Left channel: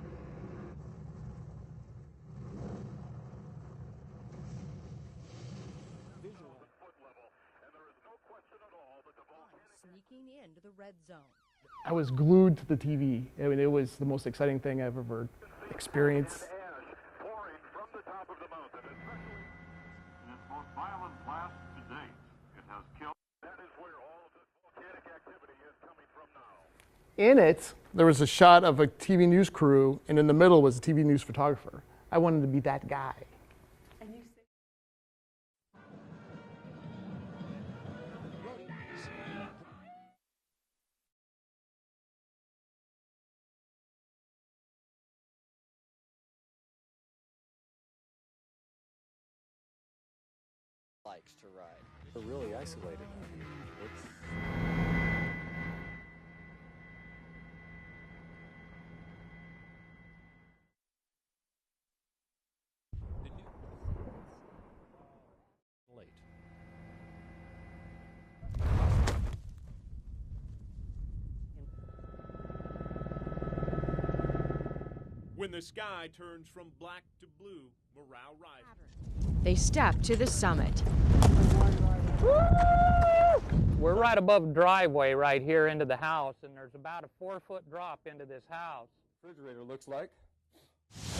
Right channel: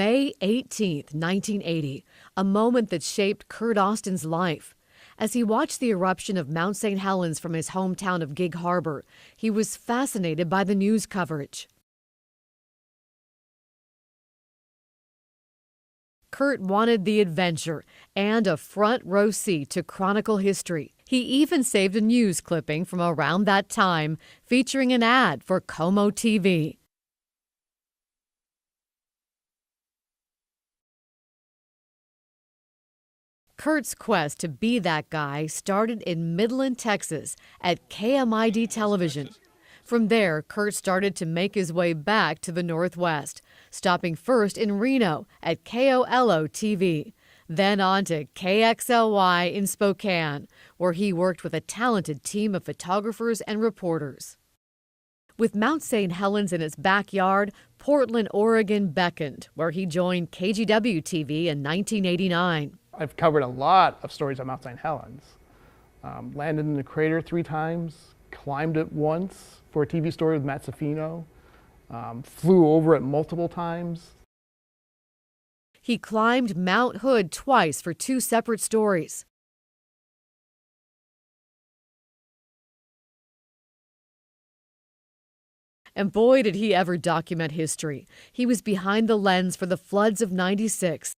May 18th, 1980, a moment that shaped Kurt Austin's life. As he watched the eruption of Mount St. Helens from his hometown of Gig Harbor, he was fascinated by the news coverage. I was glued to the TV. I mean, it was the most exciting thing I've ever experienced. Kurt wanted the adventure and a front row seat to chronicle history. He even saved a news clipping from around that time featuring an ad for Como TV. In it, there was a shot of a TV news crew, and in the middle was a TV news photographer. I wanted to be that guy. Kurt's quest to be that guy started in Midland, Texas at KMID Television. From there, Kurt started to make his way back to the Northwest, stopping first in Reno at KOLO TV, then on to KXLY in Spokane, where he worked with a talented team of photographers and reporters. With Mount St. Helens in his backyard, Portland, Oregon beckoned, where he joined KGW TV in 1989. I've covered a lot of stories on Mount St. Helens. Landed in the crater 3 times, climbed it once for a TV story with Matt Safino, flew over it multiple times. He climbed Mount Hood twice for 2 separate stories. They stepped to the summit. We're right above driveway right here into the house. And boy, did he ever document history. He was behind the lens for the floods of '96.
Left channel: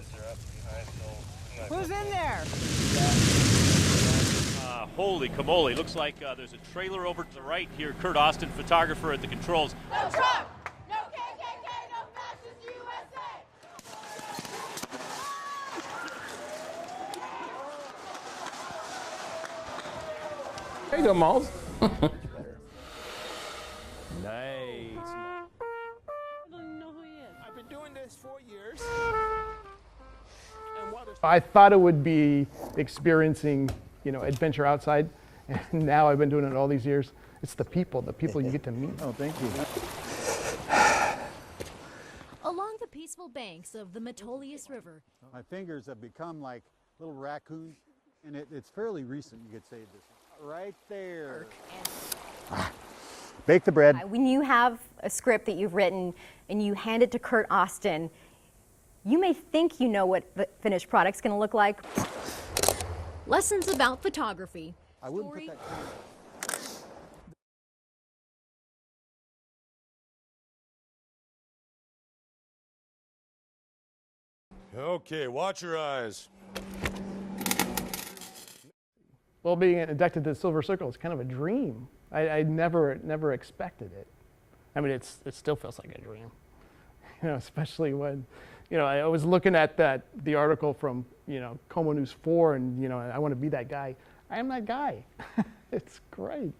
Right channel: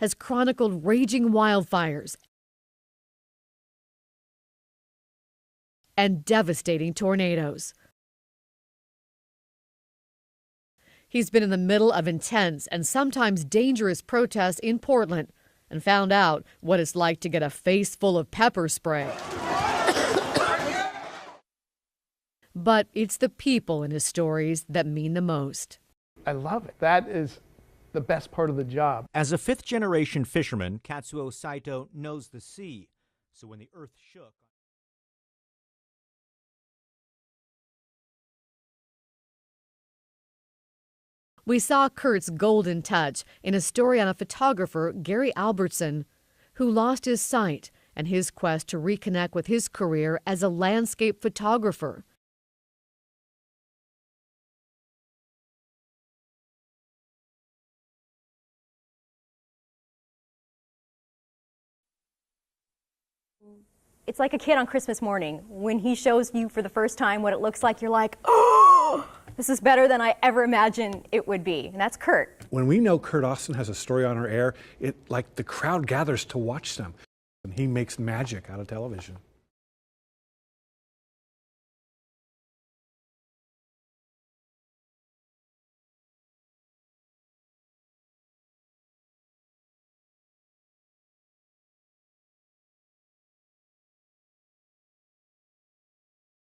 Has chronicled raging wildfires Holy camole, looks and like devastating tornadoes. Right here, Kurt Austin, photographer at the controls. He's been in the middle of intense and sometimes dangerous protests in Portland and found out what it's like to get a face full of pepper spray. Hey there, Malls. But it's the people in his stories that mean the most. I love it. That is the best part of the job. As a 5th-generation fisherman, Katsuo I Saito thought it would knows be the sea. experiencing, adventure outside, and now I've been doing it all these years. It's the people you get to meet. Oh, thank you. We saw Kurt's golden touch in a story on a photographer, Gary Albertson, who lost his sight and his quest to reconnect with his career as a landscape photographer. Bake the bread. When you have a script that you've written and you hand it to Kurt Austin, you may think you know what the finished product's going to look like. Lessons about photography. It's like a kid on Christmas morning. When he shows you for the first time what it looks like, you're like, oh, this is better than I ever imagined it would be. And that's Kurt. When we know Kurt Austin has a story on our air, the crowd gathers to watch something. He makes magic out of television. Well, being inducted to the Silver Circle is kind of a dream. I never expected it. I mean, it still feels like a dream, especially when, I was looking at the article from, Como News 4, and, I want to be that guy. I am that guy. It's great.